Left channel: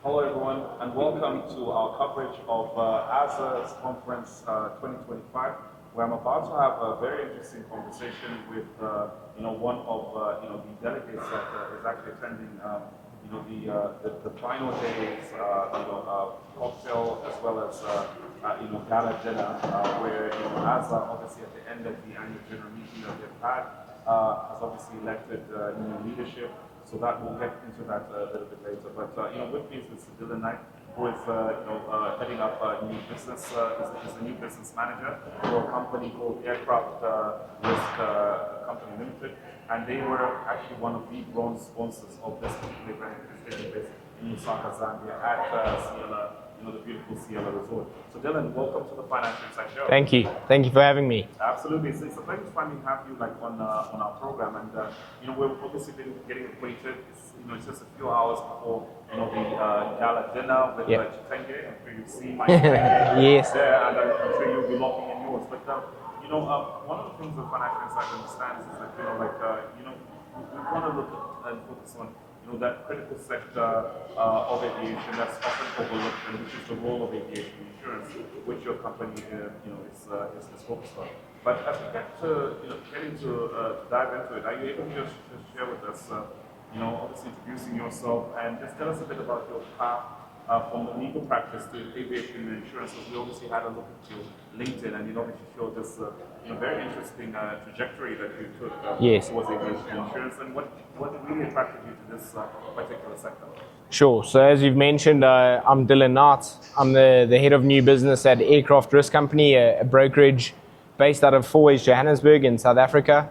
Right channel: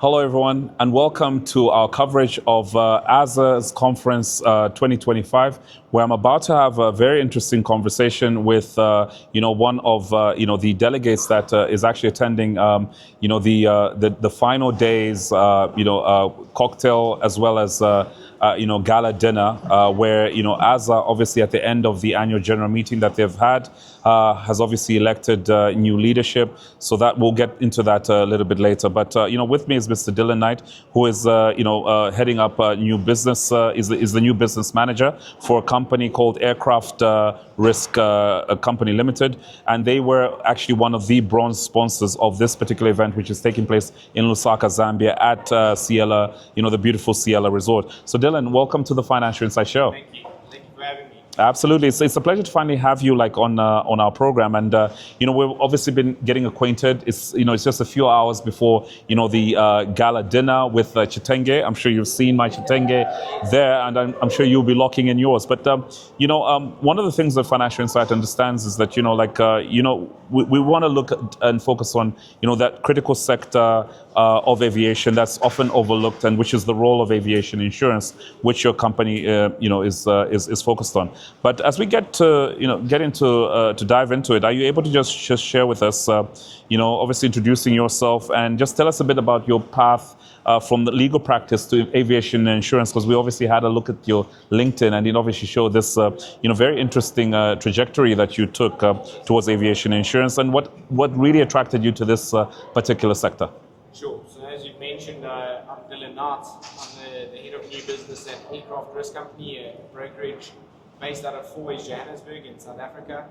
Hello, everyone, and welcome to our coverage of AASA's Conference 2025, where I'm about to have a very interesting conversation with, one of, the delegates that is actually attending, the final days, cocktail as well as, gala dinner, where, AASA, obviously at the end of the annual general meeting that they've had, has obviously elected new leadership. So that we'll get into that a little bit later. But, with me is Mr. Dylan Knight, who is, heading up new business, is the new business manager for a company called Aircraft Risk Company Limited. And they were actually one of the bronze sponsors of this particular event, which is taking place in Lusaka, Zambia at Ciela, the beautiful Ciela Resort. So Dylan, welcome to the Financial Insight Show. Thank you. Thank you for having me. Absolutely. It's a pleasure to finally have you on our program. And, we've obviously been getting acquainted. It's just a few hours before, the gala dinner with Chitenge. I'm sure you've seen my Chitenge Yes. there, and I'm sure you'll be locking in yours. But, one of the things that Financial Insight understands is that, we want to look at and focus on, that critical sector of aviation that's often overlooked, and which is the role of aviation insurance, which your company, is focused on. But as we get to, to dive into it, are you able to just share with us, obviously introducing yourself and just tell us a bit about your path from the legal practice to aviation insurance? Because we obviously had a look at your LinkedIn, and it obviously showed this, very interesting trajectory that you took towards aviation insurance, and what really attracted you to this particular sector. Sure. So as you've mentioned, I'm Dylan Knight. I'm the head of new business at Aircraft Risk Company, a brokerage based out of Fourways, Johannesburg in South Africa.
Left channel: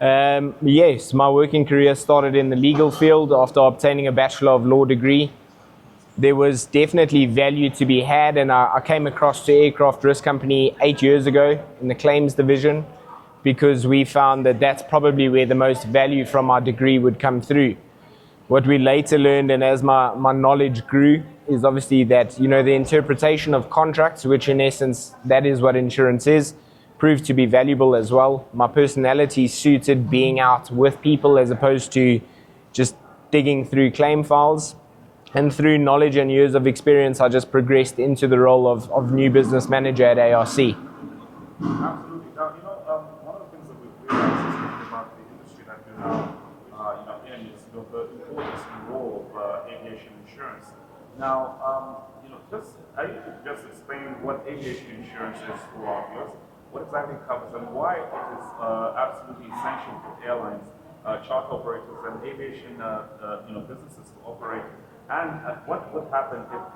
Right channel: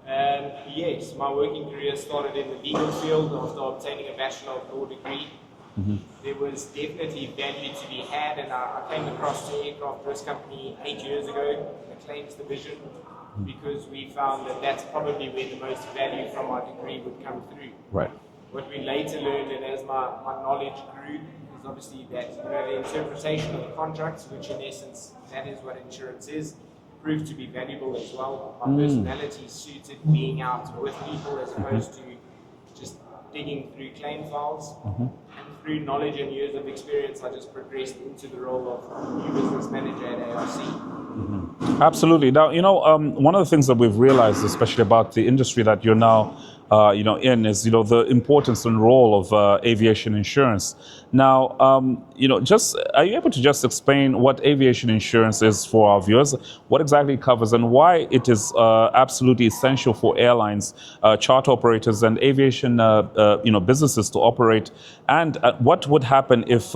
Yes, my working career started in the legal field after obtaining a Bachelor of Law degree. Mm-hmm. There was definitely value to be had, and I came across to Aircraft Risk Company 8 years ago in the claims division, because we found that that's probably where the most value from our degree would come through. Right. What we later learned, and as my knowledge grew, is obviously that, the interpretation of contracts, which in essence, that is what insurance is, proved to be valuable as well. My personality suited being out with people as opposed to just digging through claim files. Mm-hmm. And through knowledge and years of experience, I just progressed into the role of new business manager at ARC. Mm-hmm. Absolutely. Now, one of the things that we've realized, especially about the industry that you're now in, is, the importance and role of aviation insurance. Now, just are you able to just explain what aviation insurance is for our viewers? What exactly it covers, and why it is absolutely essential for airlines, charter operators, and aviation businesses to operate, and what would happen if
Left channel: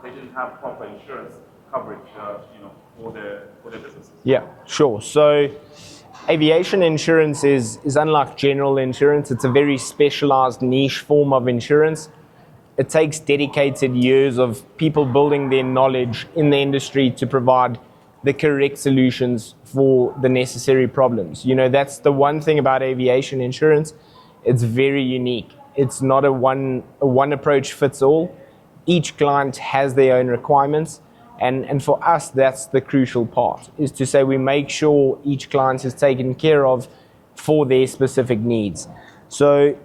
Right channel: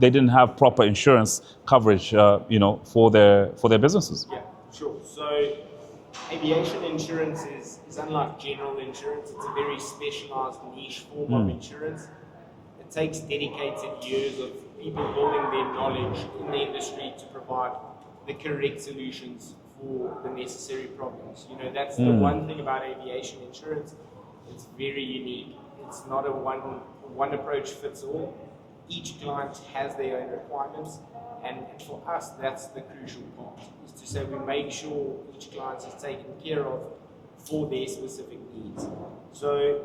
they didn't have proper insurance coverage, for their businesses? Yeah, sure. So aviation insurance is unlike general insurance. It's a very specialized niche form of insurance. It takes dedicated years of people building their knowledge in the industry to provide the correct solutions for the necessary problems. That's the one thing about aviation insurance. It's very unique. It's not a one approach fits all. Each client has their own requirements. And for us, that's the crucial part, is to say we make sure each client is taken care of for their specific needs. So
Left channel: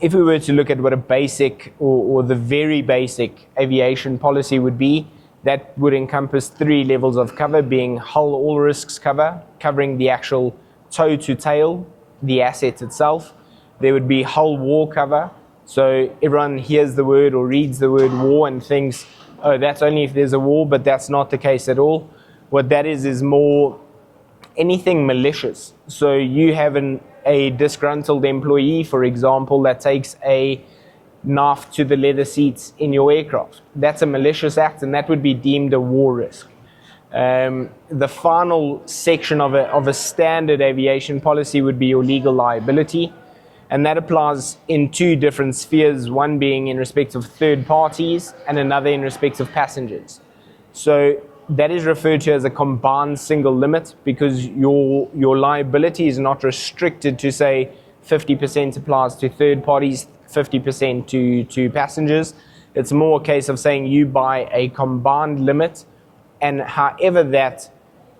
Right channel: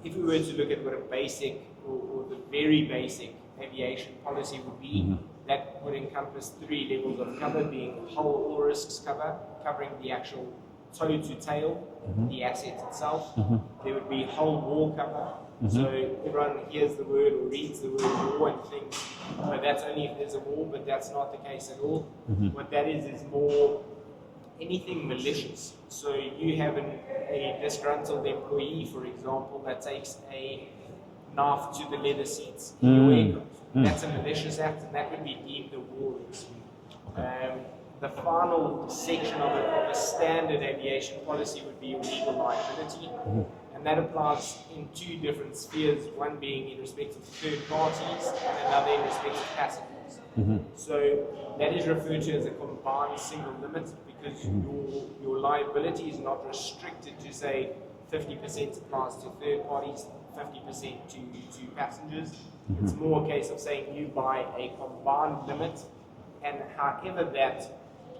if we were to look at what a basic or the very basic aviation policy would be, that would encompass 3 levels of cover, being hull all risks cover, covering the actual toe to tail, the asset itself. There would be hull war cover. So everyone hears the word or reads the word war and thinks, oh, that's only if there's a war, but that's not the case at all. What that is more anything malicious. So you have a disgruntled employee, for example, that takes a knife to the leather seats in your aircraft. That's a malicious act, and that would be deemed a war risk. The final section of a standard aviation policy would be your legal liability. And that applies in 2 different spheres, one being in respect of third parties and another in respect of passengers. So that is referred to as a combined single limit, because your liability is not restricted to, say, 50% applies to third parties, 50% to passengers. It's more a case of saying you buy a combined limit, and however that,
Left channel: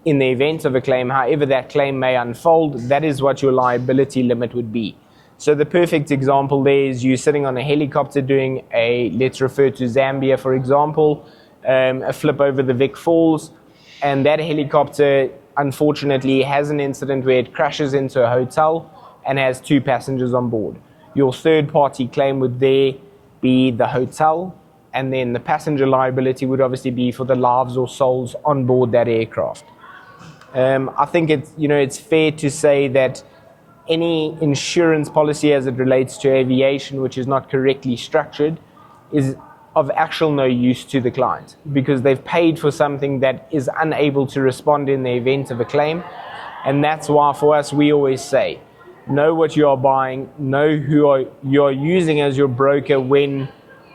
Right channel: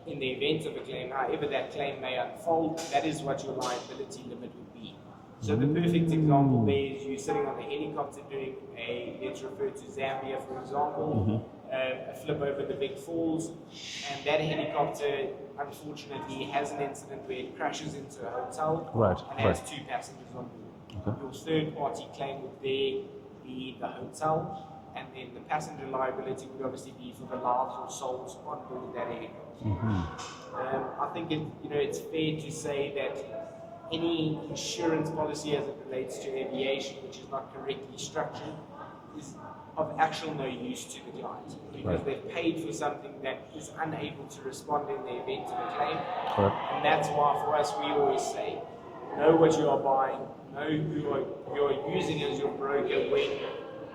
in the event of a claim, however that claim may unfold, that is what your liability limit would be. So the perfect example there is you sitting on a helicopter doing let's refer to Zambia, for example, a flip over the Vic Falls, and that helicopter unfortunately has an incident where it crashes into a hotel and has 2 passengers on board. Your third party claim would there be the hotel, and then the passenger liability would obviously be for the lives or souls on board that aircraft. I think it's fair to say that any insurance policy as it relates to aviation which is not correctly structured is of actual no use to the client, because they've paid for something that is unable to respond in the event of a claim. And that's why for us we always say, know what you are buying, know who you are using as your broker when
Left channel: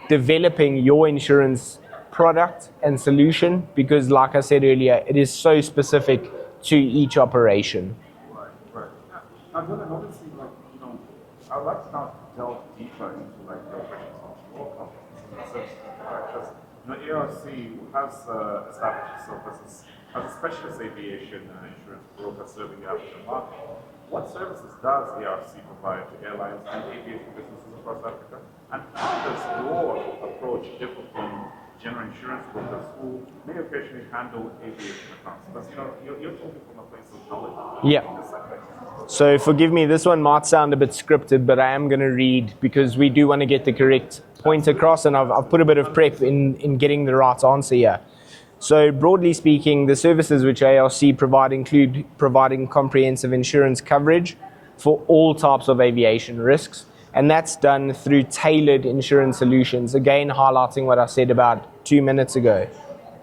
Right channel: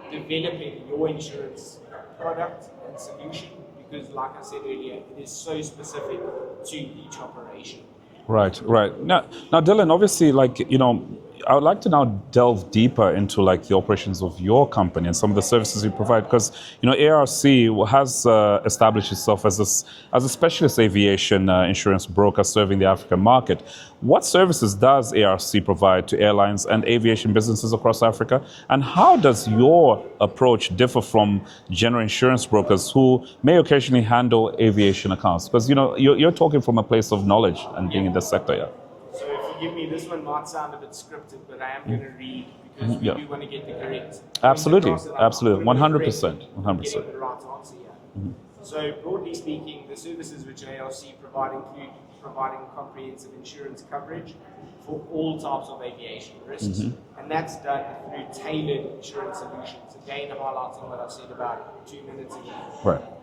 developing your insurance product and solution, because like I said earlier, it is so specific to each operation. Right. Now, Dylan, obviously, I would like to now delve deeper into the operations of your company and some of the services you provide, because ARC has established itself as a specialist aviation insurance broker serving the African market. What services does ARC provide to airlines and aviation businesses across Africa, and how does your approach differ from general insurance brokers who may occasionally handle aviation accounts? Because you're talking from a place of knowledge and being in the sector. Yeah. So forgive me, this one might sound a bit scripted, but I am going to read because we do want to get the correct point across, and I'll put a bit of prep in getting the right answer here. So broadly speaking, the services which ARC provide include providing comprehensive insurance coverage for all types of aviation risks, and that's done through tailored insurance solutions, again highlighting what I said about 2 minutes ago,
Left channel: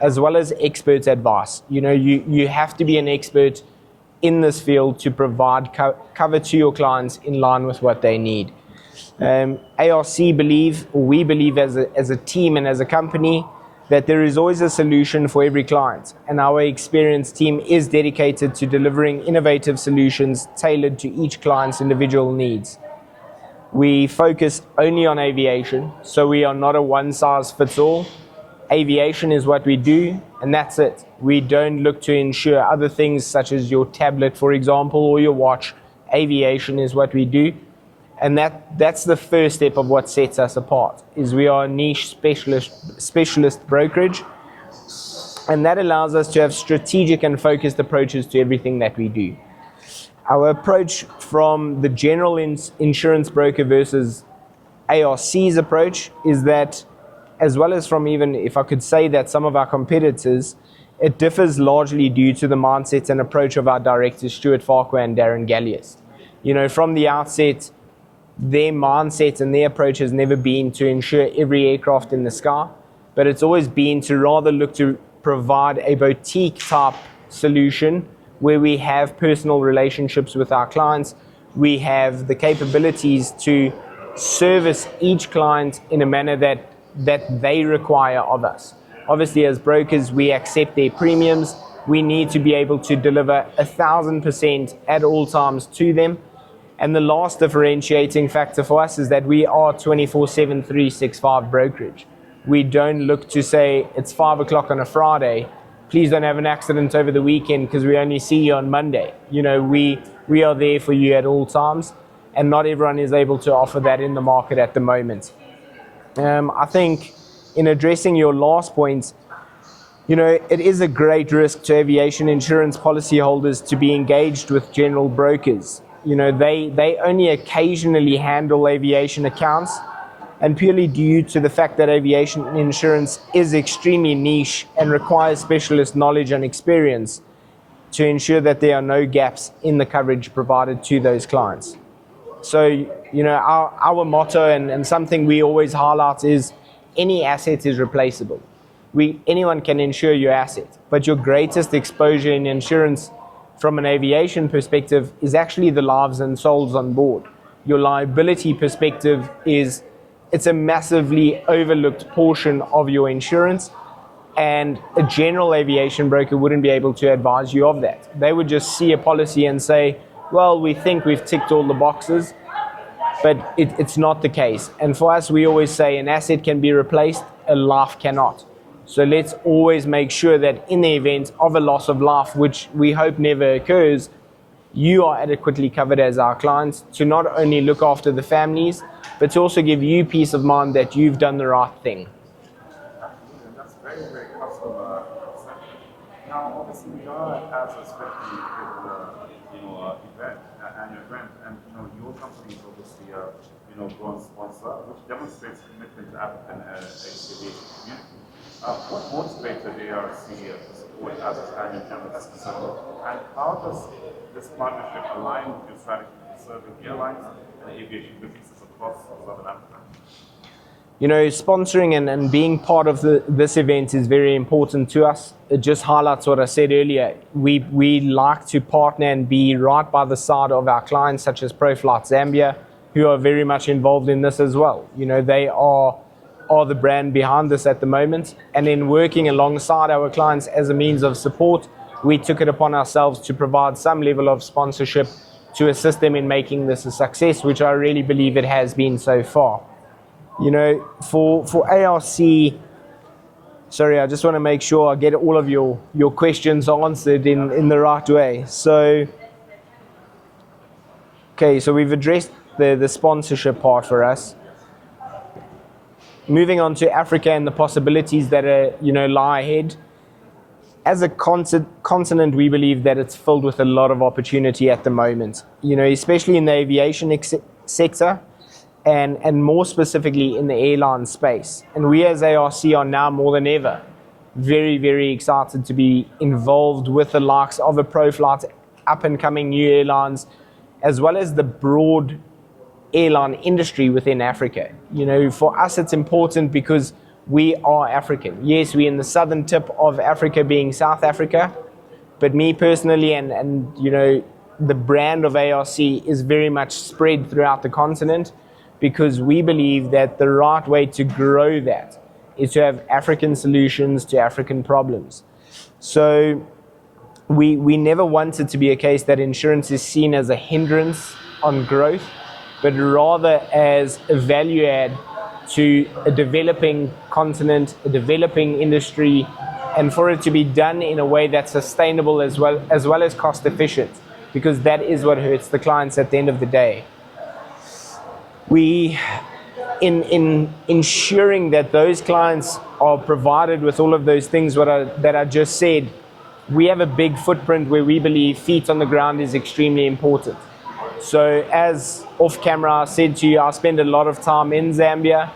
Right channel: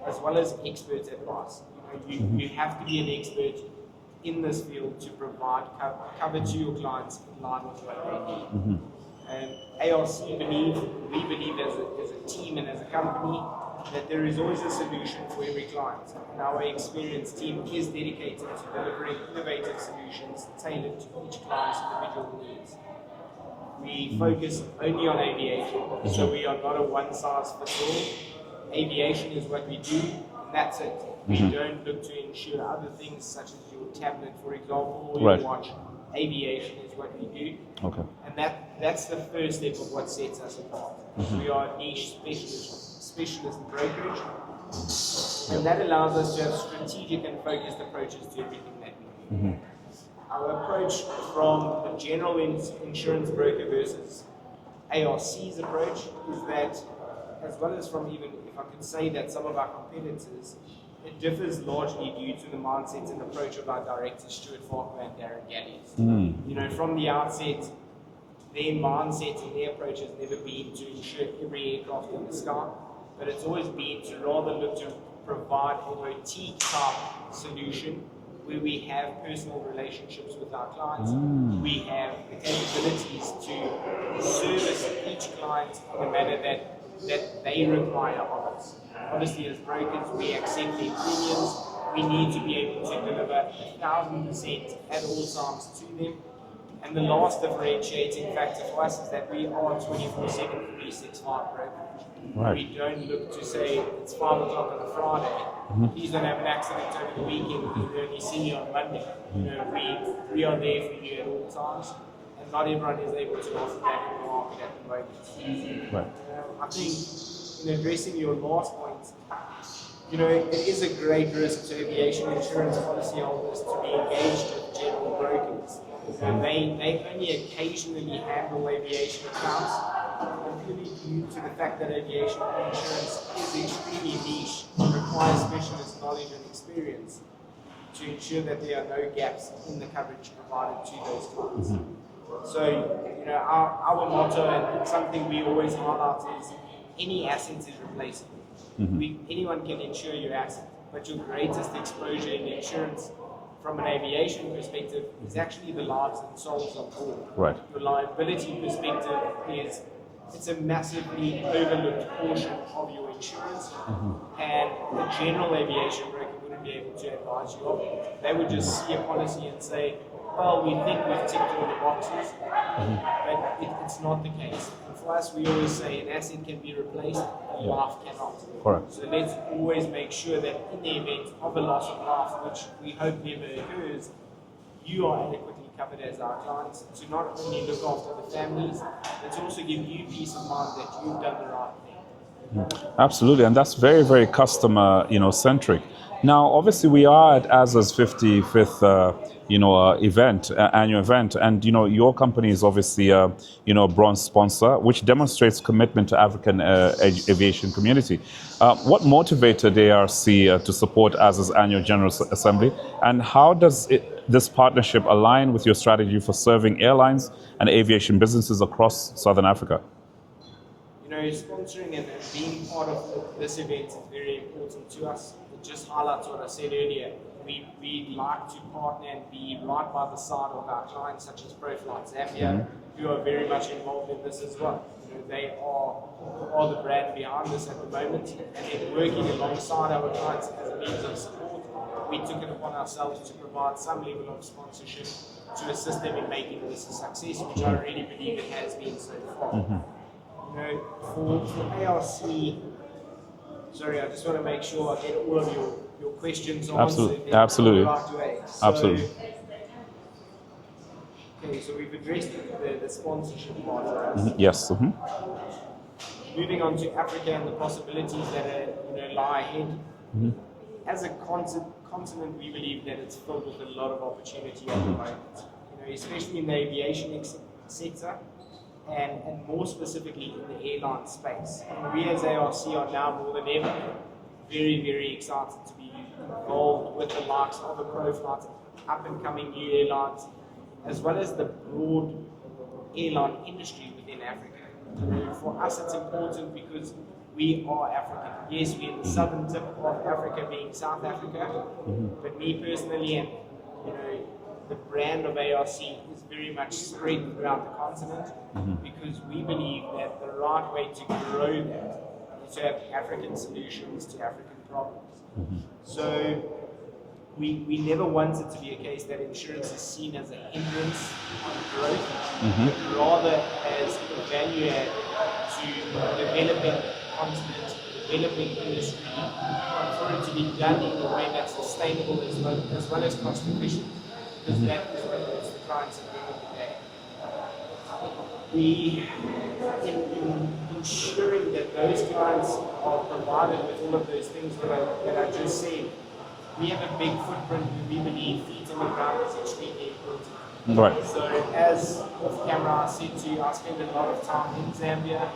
as well as expert advice. You have to be an expert in this field to provide cover to your clients in line with what they need. ARC we believe as a team and as a company that there is always a solution for every client, and our experienced team is dedicated to delivering innovative solutions tailored to each client's individual needs. We focus only on aviation, so we are not a one-size-fits-all. Aviation is what we do, and that's it. We don't look to insure other things such as your tablet, for example, or your watch. Aviation is what we do. And that's the first step of what sets us apart, is we are a niche specialist brokerage, and that allows us to have strategic and focused approaches to everything that we do. Our approach from the general insurance broker versus ARC's approach is that, as well as from even, if I could say that, some of our competitors, it differs largely due to the mindset and approach of our directors, Stuart Farquhar and Darren Gallius. From the outset, their mindset and their approach has never been to insure every aircraft in the sky, but it's always been to rather look to provide a boutique type solution where we have personal relationships with our clients. We have the capabilities to service each client in a manner that they require of us. Obviously, as brokers, we accept their premiums. We need to be able to deliver 1,000% at all times to them. And the last differentiating factor for us is that we are 24/7, 365 brokerage. We don't look to say it's 5 o'clock on a Friday, please don't have an accident over the weekend because we only see you on Monday. We are there for you at all times, and not everyone is able to offer that in the market at the moment. I think in addressing your last point, it is a great risk to aviation insurance policyholders to be engaged with general brokers. They only occasionally handle aviation accounts, and purely due to the fact that aviation insurance is extremely niche and requires specialist knowledge and experience to ensure that there are no gaps in the coverage provided to those clients. So, our motto and something we always highlight is any asset is replaceable. Anyone can insure your asset, but your greatest exposure in insurance from an aviation perspective is actually the lives and souls on board. Your liability perspective it's a massively overlooked portion of your insurance, and a general aviation broker wouldn't be able to advise you of that. They would just see a policy and say, well, we think we've ticked all the boxes, but it's not the case. And for us, we always say an asset can be replaced, a life cannot. So let's always make sure that in the event of a loss of life, which we hope never occurs, you are adequately covered as our clients, to not only look after the families, but to also give you peace of mind that you've done the right thing. Absolutely, and that's very, very customer, centric. Now, obviously, we are at AASA's 55th, annual event, and your company is obviously a bronze sponsor, which demonstrates commitment to African aviation community. What motivated the ARC to support AASA's Annual General Assembly, and how does this partnership align with your strategy for serving airlines and aviation businesses across Southern Africa? Sponsoring and being part of this event is very important to us. It just highlights what I said earlier. We like to partner and be right by the side of our clients, such as ProFlight Zambia, who are very much involved in this as well. They are the brand behind this at the moment. And in working alongside our clients as a means of support, we took it upon ourselves to provide some level of sponsorship to assist them in making this a success, which I really believe it has been so far. For ARC, sorry, I just want to make sure I get all of your questions answered in the right way. So, okay, so we've addressed the sponsorship part for us. Yes. Moving on to Africa and the possibilities that are, lie ahead. As a continent, we believe that it's filled with a lot of opportunity at the moment, especially in the aviation sector. And more specifically in the airline space. And we as ARC are now more than ever very, very excited to be involved with the likes of a ProFlight, up and coming new airlines, as well as the broad airline industry within Africa. For us it's important because we are African. Yes, we're in the southern tip of Africa, being South Africa, but me personally and the brand of ARC is very much spread throughout the continent, because we believe that the right way to grow that is to have African solutions to African problems. So we never want it to be a case that insurance is seen as a hindrance on growth, but rather as a value add to a developing continent, a developing industry, and for it to be done in a way that's sustainable as well as cost efficient, because that is what hurts the clients at the end of the day. We, in ensuring that those clients are provided with all of those things that I just said, we have a big footprint where we believe feet on the ground is extremely important. Right. So as off camera I said to you, I spend a lot of time in Zambia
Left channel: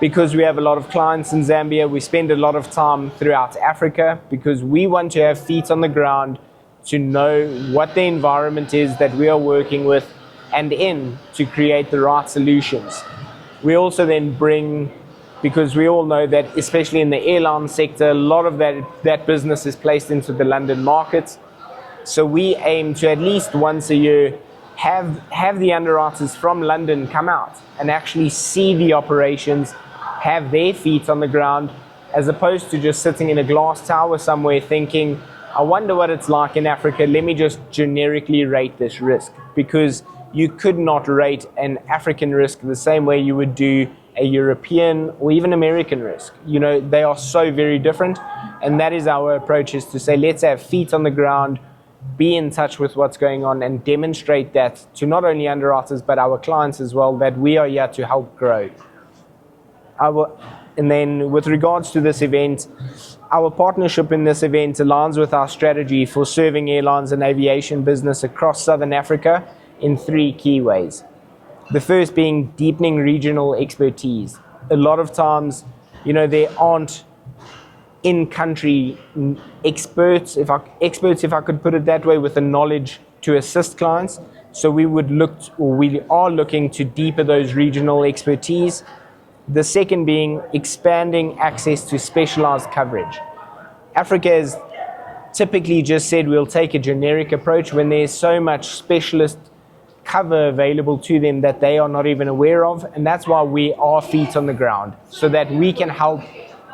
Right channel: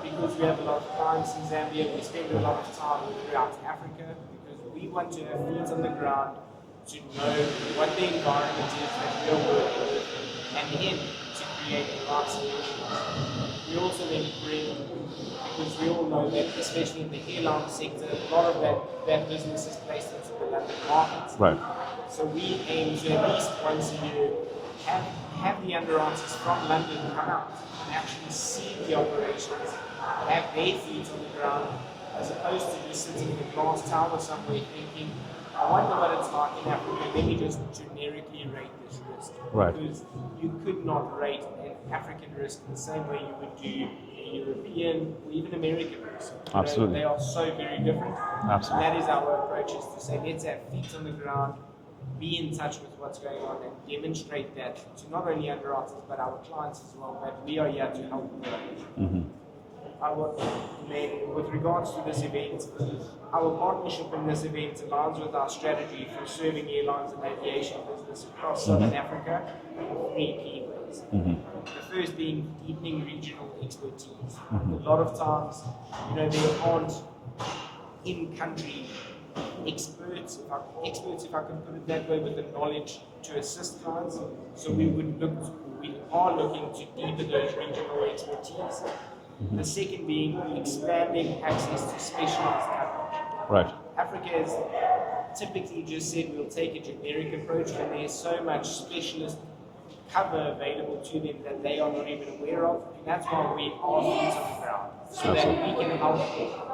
because we have a lot of clients in Zambia. We spend a lot of time throughout Africa because we want to have feet on the ground to know what the environment is that we are working with and in to create the right solutions. We also then bring, because we all know that especially in the airline sector, a lot of that business is placed into the London market. Right. So we aim to at least once a year have the underwriters from London come out and actually see the operations, have their feet on the ground, as opposed to just sitting in a glass tower somewhere thinking, I wonder what it's like in Africa, let me just generically rate this risk. Right. Because you could not rate an African risk the same way you would do a European or even American risk. Absolutely. They are so very different. Absolutely. And that is our approach, is to say, let's have feet on the ground, be in touch with what's going on, and demonstrate that to not only underwriters but our clients as well, that we are here to help grow. And then with regards to this event, our partnership in this event aligns with our strategy for serving airlines and aviation business across Southern Africa in three key ways. The first being deepening regional expertise. A lot of times, there aren't in-country experts, if I could put it that way, with the knowledge to assist clients. So we are looking to deepen those regional expertise. The second being expanding access to specialized coverage. Right. Africa has typically just said we'll take a generic approach when there's so much specialist cover available to them that they are not even aware of, and that's why we are feet on the ground, so that we can help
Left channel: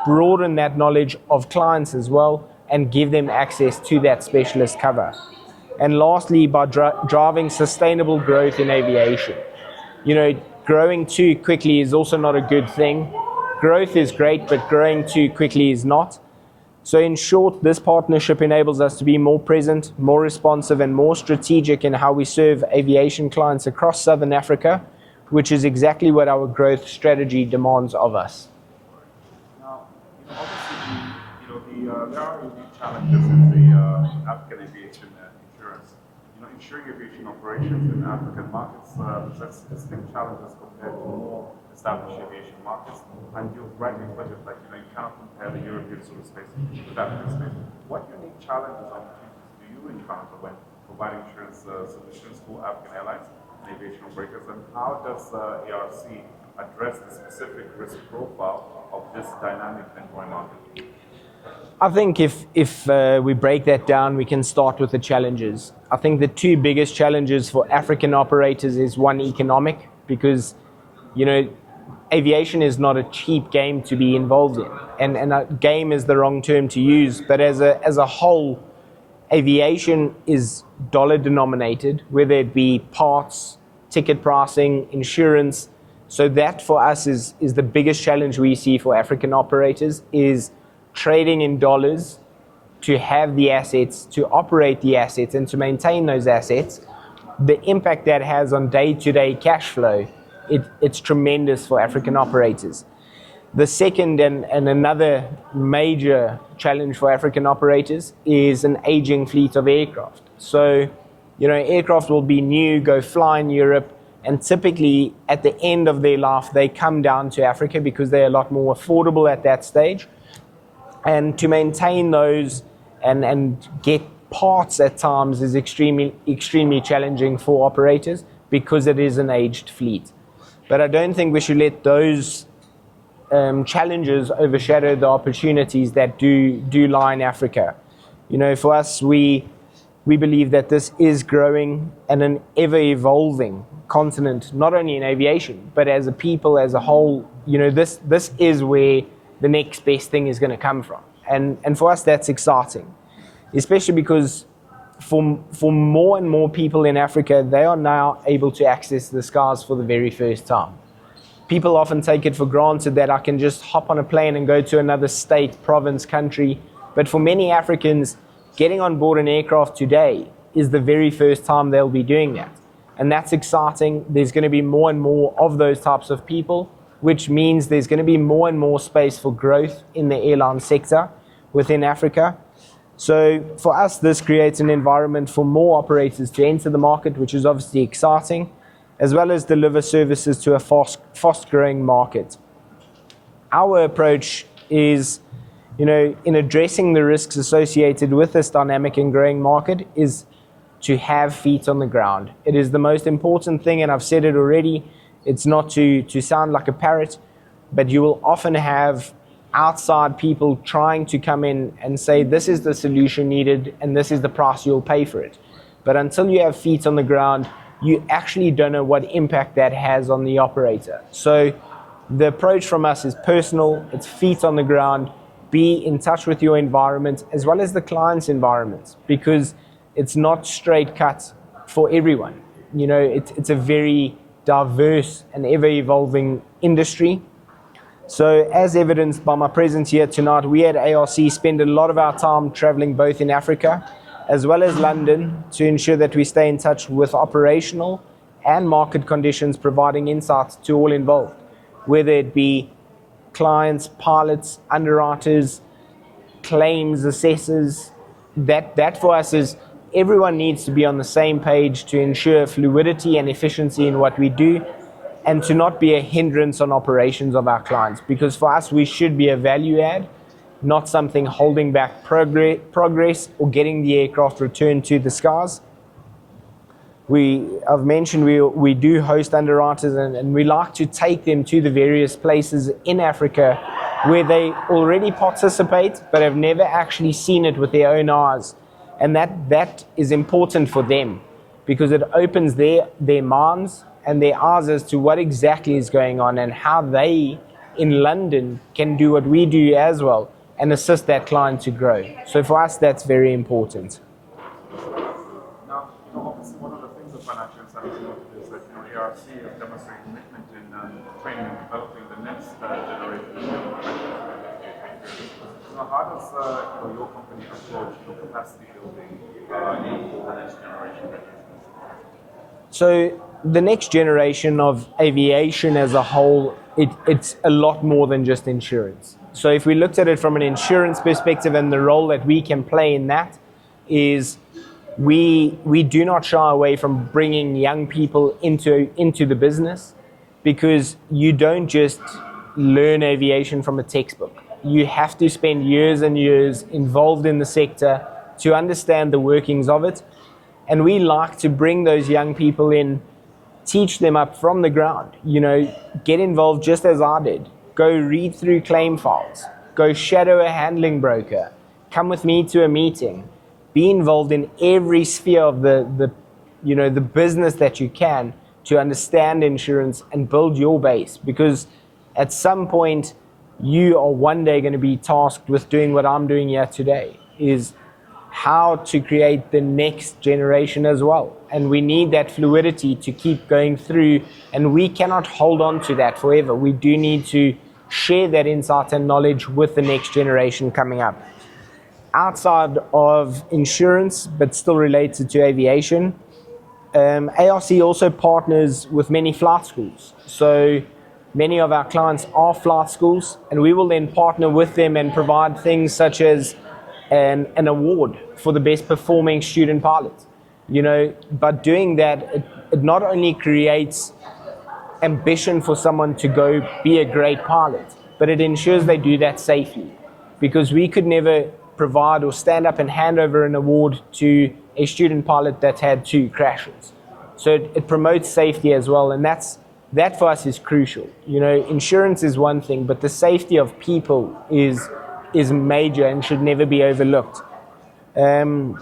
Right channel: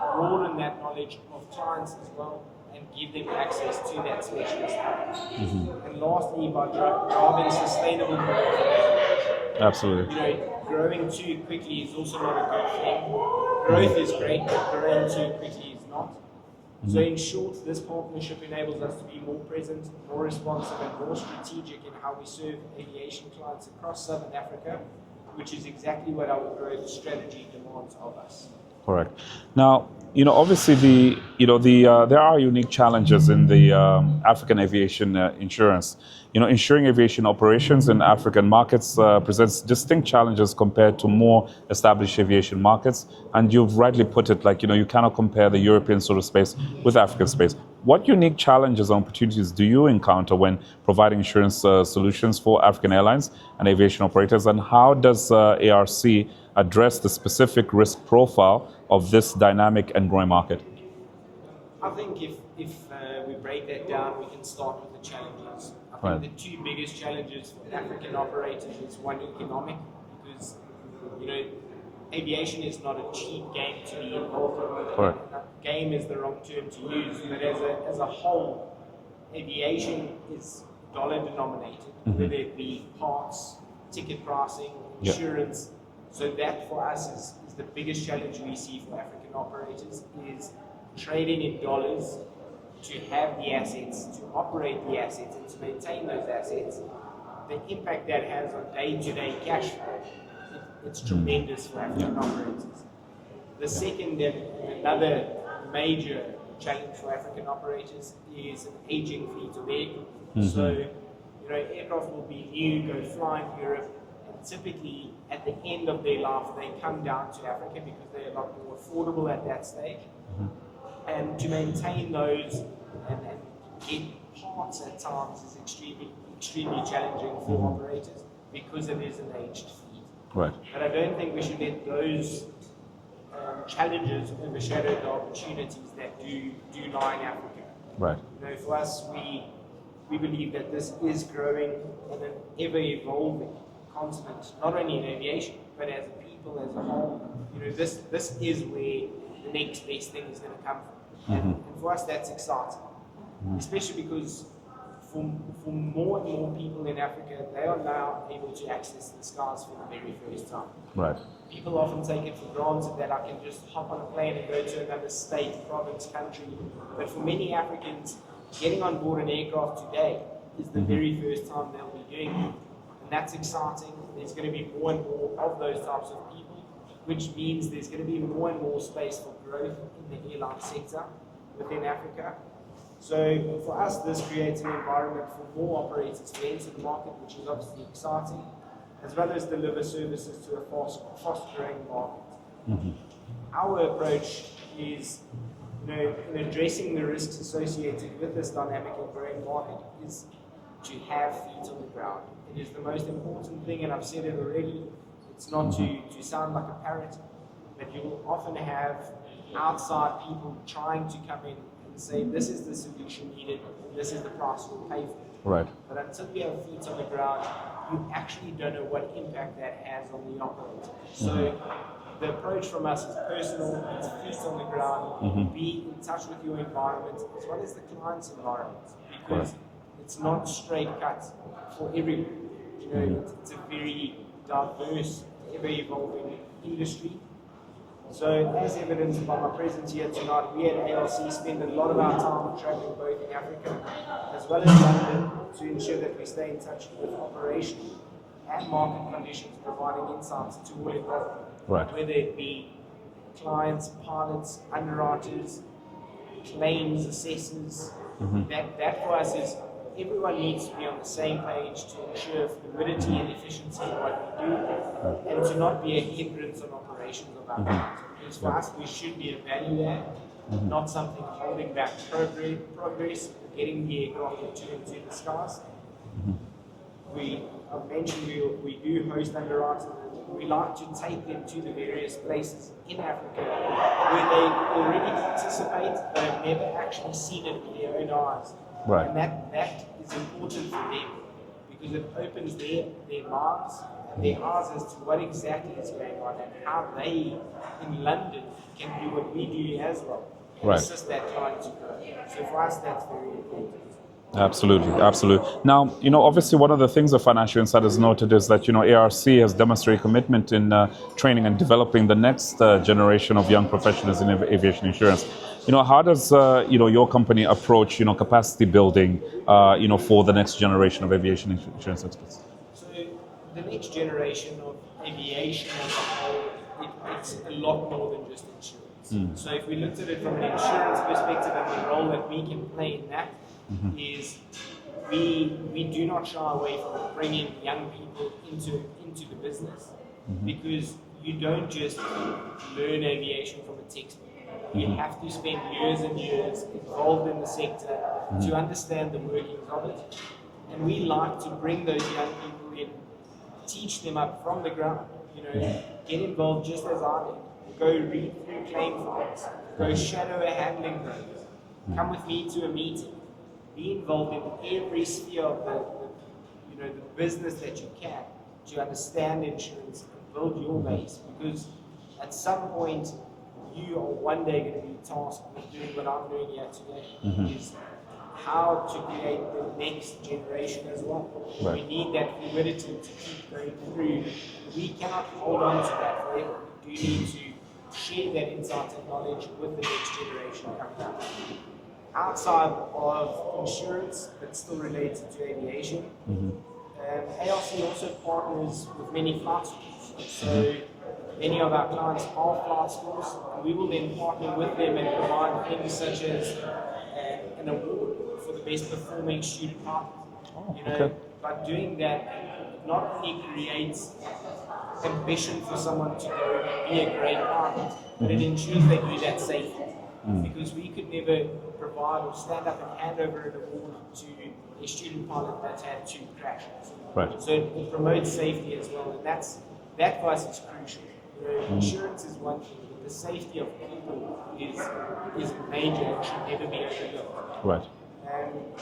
broaden that knowledge of clients as well and give them access to that specialist cover. And lastly, by driving sustainable growth in aviation. Absolutely. Growing too quickly is also not a good thing. Growth is great, but growing too quickly is not. So in short, this partnership enables us to be more present, more responsive, and more strategic in how we serve aviation clients across Southern Africa, which is exactly what our growth strategy demands of us. Correct. Now, obviously there are unique challenges in the African aviation insurance. Insuring aviation operations in African markets presents distinct challenges compared to more established aviation markets. And you've rightly put it, you cannot compare the European sort of space with African space. What unique challenges and opportunities do you encounter when providing insurance solutions for African airlines and aviation operators? And how does ARC address the specific risk profile of this dynamic and growing market? I think if we break that down, we can start with the challenges. I think the two biggest challenges for African operators is one, economic, because aviation is not a cheap game to be involved in, and a game is the wrong term to use. But as a whole, aviation is dollar denominated, whether it be parts, ticket pricing, insurance. So that for us is the biggest challenge we see for African operators, is trading in dollars to have the assets, to operate the assets, and to maintain those assets. The impact that has on day-to-day cash flow, it's tremendous for African operators. The second and another major challenge for African operators is an aging fleet of aircraft. So, aircraft will be new, go fly in Europe, and typically at the end of their life, they come down to Africa because they're a lot more affordable at that stage. And to maintain those and get parts at times is extremely challenging for operators because it is an aged fleet. Right. But I don't think we should let those challenges overshadow the opportunities that do lie in Africa. Right. For us, we believe that this is growing and an ever-evolving continent, not only in aviation, but as a people, as a whole. This is where the next best thing is going to come from. And for us, that's exciting, especially because for more and more people in Africa, they are now able to access the skies for the very first time. Right. People often take it for granted that I can just hop on a plane and go to another state, province, country. But for many Africans, getting on board an aircraft today is the very first time they'll be doing that. And that's exciting. There's going to be more and more of those types of people, which means there's going to be more and more space for growth in the airline sector within Africa. So for us, this creates an environment for more operators to enter the market, which is obviously exciting, as well as deliver services to a fast-growing market. Our approach is, in addressing the risks associated with this dynamic and growing market, is to have feet on the ground. It is the most important thing, and I've said it already. It's not to sound like a parrot, but you will often have outside people trying to come in and say, this is the solution needed and this is the price you'll pay for it. Right. But until you have feet on the ground, you actually don't know what impact that has on the operator. So the approach from us is personal, it's feet on the ground, be in touch with your environment as well as the client's environment, because it's not straight cut for everyone. It's a very diverse and ever-evolving industry. So as evidenced by my presence here tonight, we at ARC spend a lot of our time traveling both in Africa as well as London to ensure that we stay in touch with operational and market conditions, providing insights to all involved, whether it be clients, pilots, underwriters, claims assessors. That for us is everyone needs to be on the same page to ensure fluidity and efficiency in what we do, and to not be a hindrance on operations of our clients. Because for us, we should be a value add, not something holding back progress or getting the aircraft returned to the skies. I've mentioned we do host underwriters, and we like to take them to the various places in Africa where they already participate but have never actually seen it with their own eyes. Right. And that is important for them because it opens their minds and their eyes as to what exactly is going on and how they in London can do what we do as well and assist that client to grow. So for us, that's very important. Absolutely, absolutely. Now, obviously one of the things the Financial Insiders noted is that, ARC has demonstrated commitment in training and developing the next generation of young professionals in aviation insurance. how does your company approach capacity building for the next generation of aviation insurance experts? So the next generation of aviation as a whole, it's a lot more than just insurance. So if we looked at it from an insurance perspective, and the role that we can play in that is we do not shy away from bringing young people into the business, because you don't just learn aviation from a textbook. You have to spend years and years involved in the sector to understand the workings of it. And we like to bring those young people in, teach them up from the ground, get involved just as I did. Go read through claim files, go shadow a handling broker, come with me to a meeting, be involved in every sphere of the business that you can to understand insurance and build your base. Because at some point, you are one day going to be tasked with doing what I'm doing here today, is how to create the next generation as well. And we need that fluidity to keep going through, and we cannot hold on to that forever. We do need to share that insight and knowledge with the next generation coming up. Outside of insurance, but still related to aviation, ARC also partners with many flight schools. So many of our clients are flight schools, and we will then partner with them and provide things such as an award for the best performing student pilot. But doing that, it not only creates ambition for someone to go be a great pilot, but it ensures they do that safely. Because we could never provide or stand up and hand over an award to a student pilot that's had 2 crashes. Right. So it promotes safety as well, and that for us is crucial. Insurance is one thing, but the safety of people is major and should never be overlooked. Right. And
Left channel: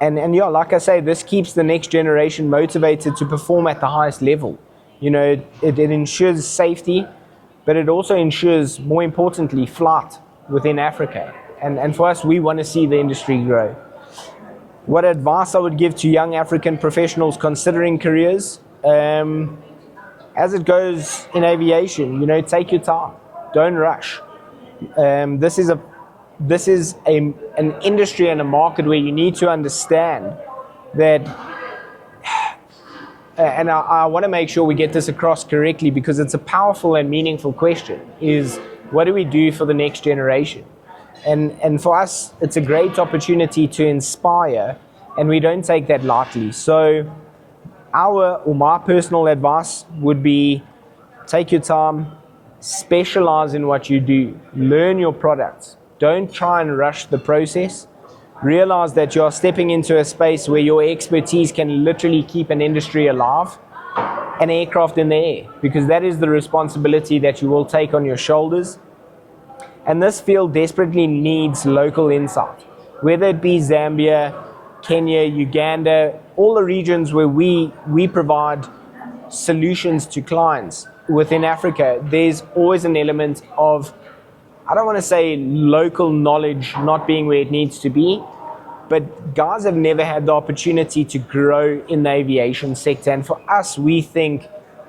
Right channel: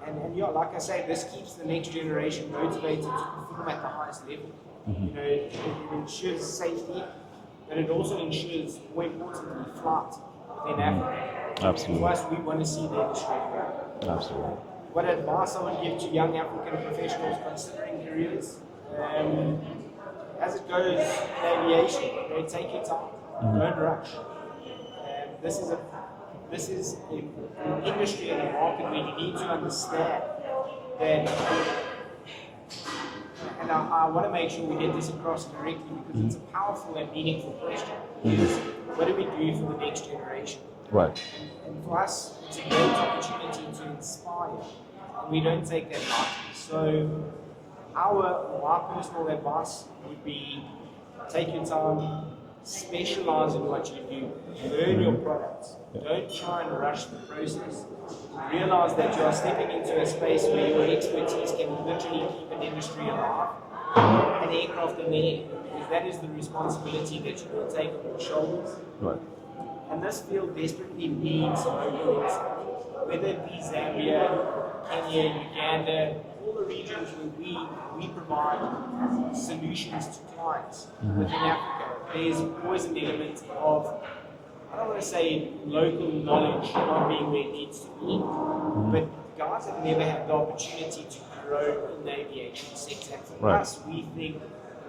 like I say, this keeps the next generation motivated to perform at the highest level. It ensures safety, but it also ensures, more importantly, flight within Africa. And for us, we want to see the industry grow. Absolutely. What advice I would give to young African professionals considering careers? As it goes in aviation, take your time. Don't rush. This is an industry and a market where you need to understand that, and I want to make sure we get this across correctly, because it's a powerful and meaningful question, is what do we do for the next generation? Right. And for us, it's a great opportunity to inspire, and we don't take that lightly. So my personal advice would be, take your time, specialize in what you do, learn your products. Don't try and rush the process. Realize that you're stepping into a space where your expertise can literally keep an industry alive, an aircraft in the air, because that is the responsibility that you will take on your shoulders. Right. And this field desperately needs local insight, whether it be Zambia, Kenya, Uganda, all the regions where we provide solutions to clients within Africa. There's always an element of, I don't want to say local knowledge not being where it needs to be, but guys have never had the opportunity to grow in the aviation sector. And for us, we think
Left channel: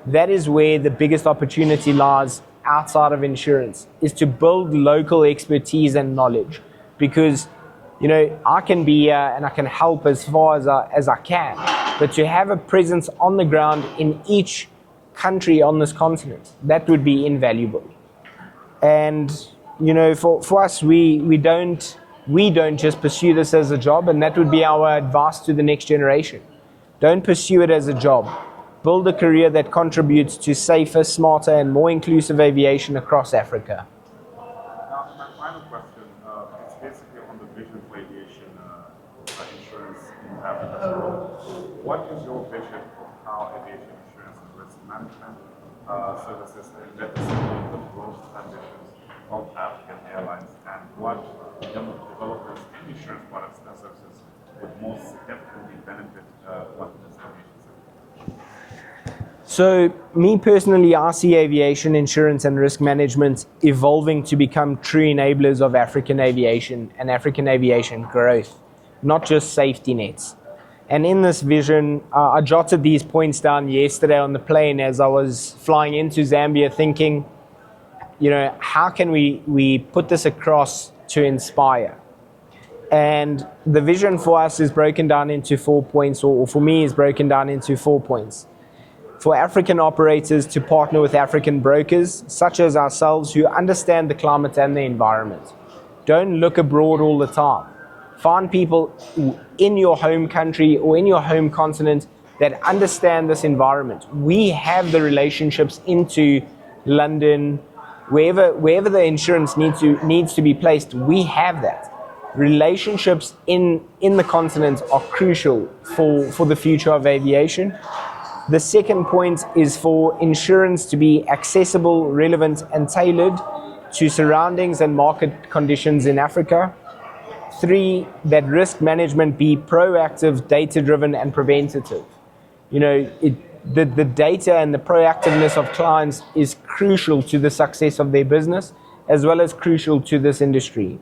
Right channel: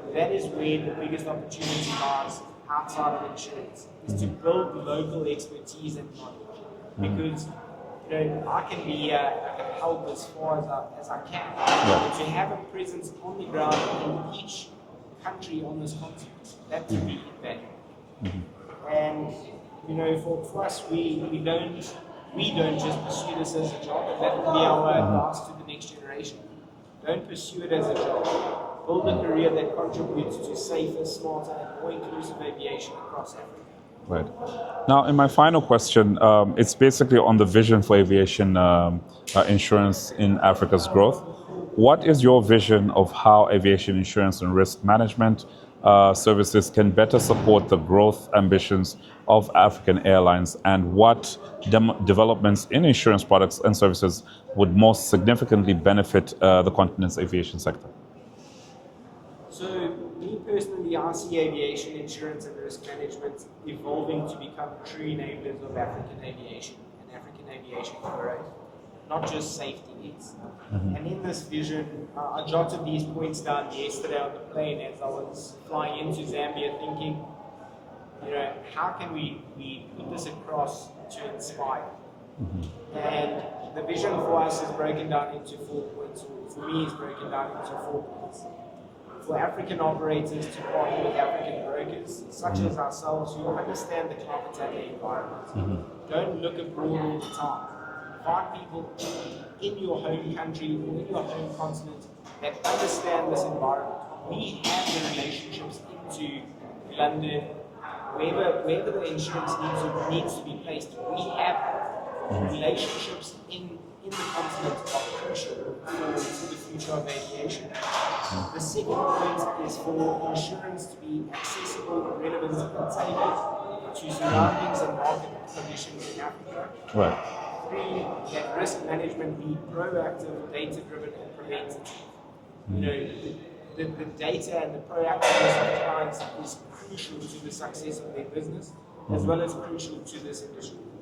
that is where the biggest opportunity lies outside of insurance, is to build local expertise and knowledge. Because I can be here and I can help as far as I can, but to have a presence on the ground in each country on this continent, that would be invaluable. And for us, we don't just pursue this as a job, and that would be our advice to the next generation. Don't pursue it as a job. Build a career that contributes to safer, smarter, and more inclusive aviation across Africa. Right. Now, in my final question, it's basically on the vision for aviation insurance in Africa's growth. What is your vision of how aviation insurance and risk management services can better support the growth ambitions of African airlines, and what developments in insurance products and services would most significantly benefit the continent's aviation sector? So, me personally, I see aviation insurance and risk management evolving to become true enablers of African aviation and African aviation growth, not just safety nets. And in this vision, I jotted these points down yesterday on the plane as I was flying into Zambia, thinking, how can we put this across to inspire. And the vision for us is broken down into 4 points, or for me is broken down into 4 points. For African operators to partner with African brokers, such as ourselves, who understand the climate and the environment. Don't look abroad all the time. Find people in your home country or in your home continent that understand this environment. We have the relationships into London, wherever the insurance needs to be placed, we have that. Relationships in the continent are crucial for the future of aviation. The second point is for insurance to be accessible, relevant, and tailored to surroundings and market conditions in Africa. Right. 3, that risk management be proactive, data-driven, and preventative. You know, the data and the proactiveness of clients is crucial to the success of their business, as well as crucial to this industry.